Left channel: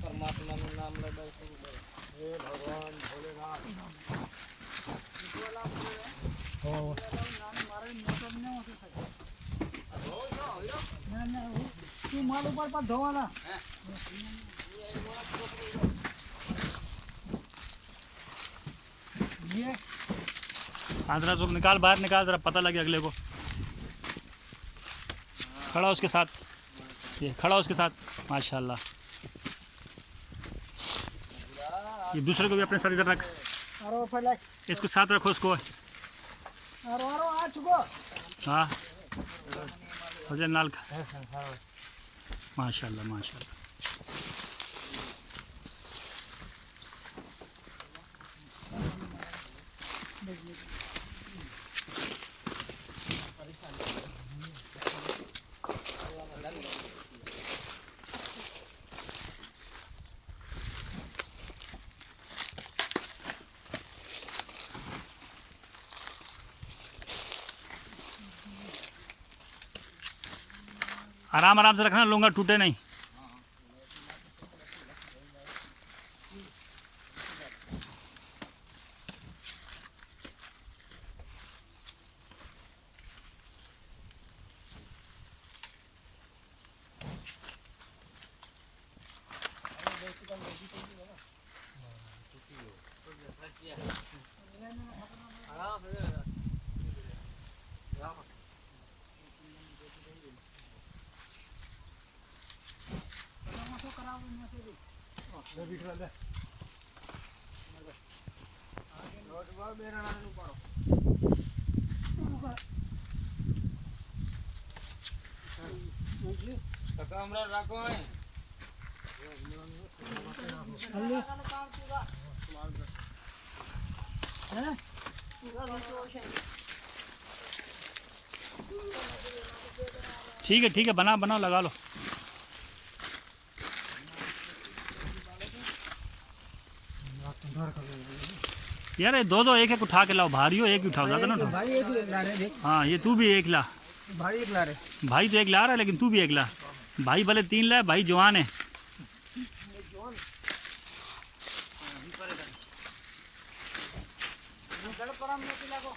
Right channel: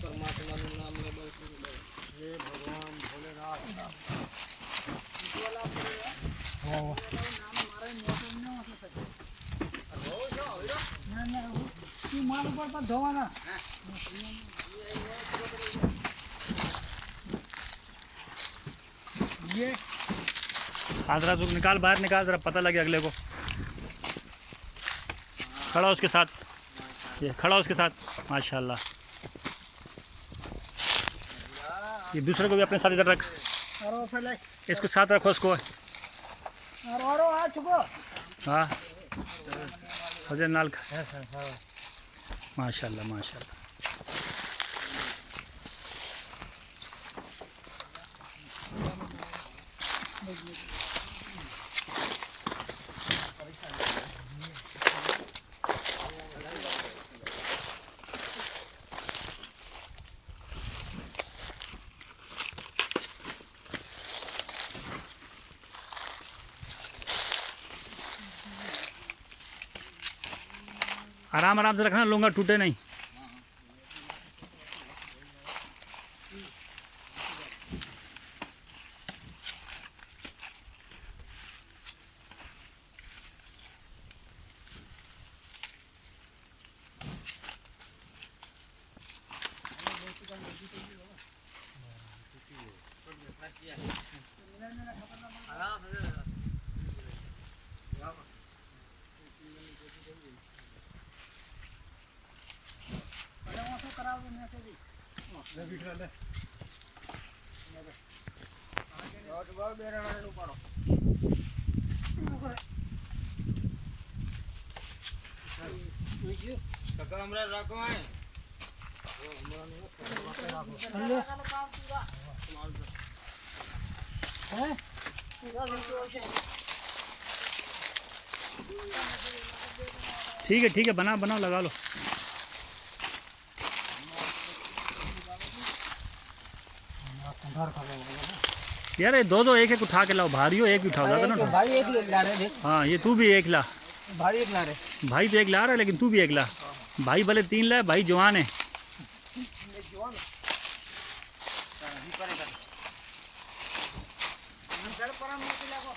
परमात्मा नाम हे भगवान भोलेनाथ तू माल ऊपर धोवाना ये आंध्रा तू निकाल, बाहर निकाल, जरा पता लगे अगले को। खड़ा उसके साथ, ये खड़ा उसके साथ, माशाल्लाह। ये दूसरे को भी अपने साथ इधर रख, इसको साथ रखो उसको। हाँ फजल नाल का, माशाल्लाह माशाल्लाह। आराम आराम से रखना, लूँगा टूटे नहीं। ठीक है, बना बनाओ, लगा लो। यार ये दो एक एक उठा के लाओ, भारी हो एक ही उठाओ, ज़्यादा ना उठाओ। भाई एक ला रहे हैं। हाँ ये तू भी एक ला। भाई एक ला रहे। भाई तो एक ला रहा है, लेकिन तू भी एक ला। भाई भले 3 लाए, भाई जवान है। जड़ पर हम नहीं लागो।